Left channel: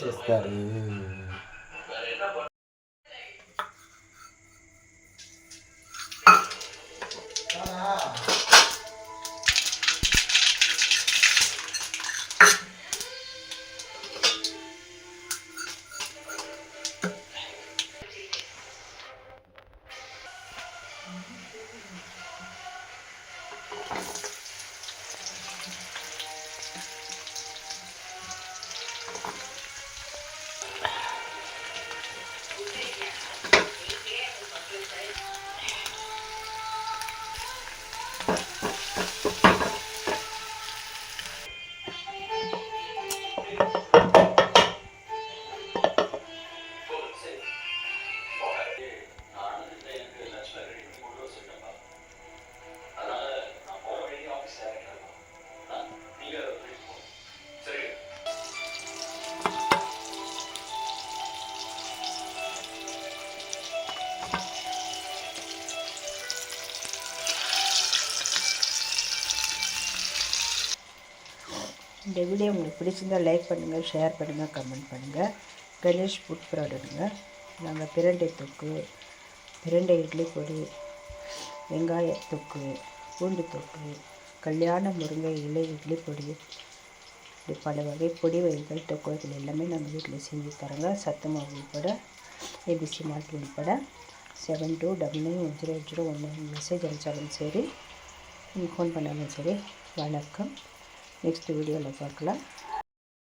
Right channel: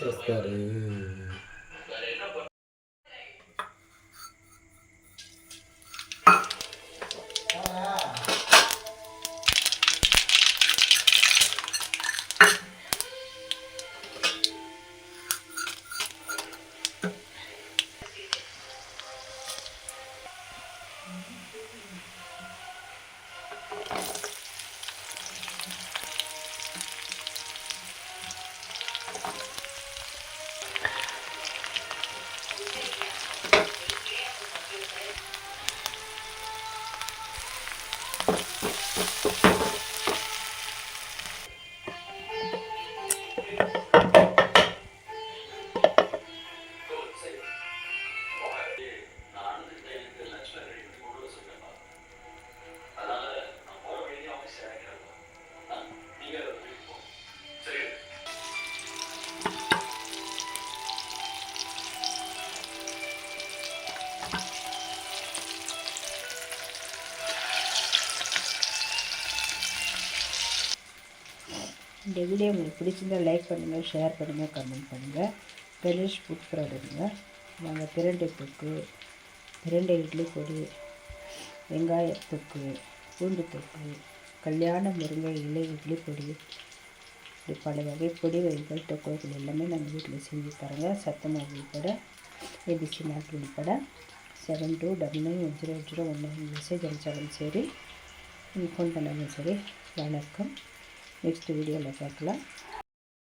చేస్తారు. இந்த வீடியோ உங்களுக்கு பிடிச்சிருந்தால் லைக் பண்ணுங்கள், ஷேர் பண்ணுங்கள், கமெண்ட் பண்ணுங்கள். கணேஷ் ஃபுட் ப்ராடக்ட்டுங்க. நாங்கள் பிரண்டை தொக்கு, பிரண்டை இட்லி பொடி, வெங்காய தொக்கு, பூண்டு தொக்கு, கல்யாண முருங்கை இலை இட்லி பொடி, இப்படி பல வகை பொடி வகைகள் தொக்கு வகைகள் எல்லாமே நாங்கள் வீட்டில் செஞ்சு தரோங்க. சத்து மாவு உள்பட, ஏபிசி மால்ட் உள்பட. 72991001 மெசேஜ் அனுப்பிச்சாலும் சரி, நீங்கள் ஃபோன் பண்ணாலும் சரி. வணக்கம். நெக்ஸ்ட் வீடியோவில் பார்க்கலாம்.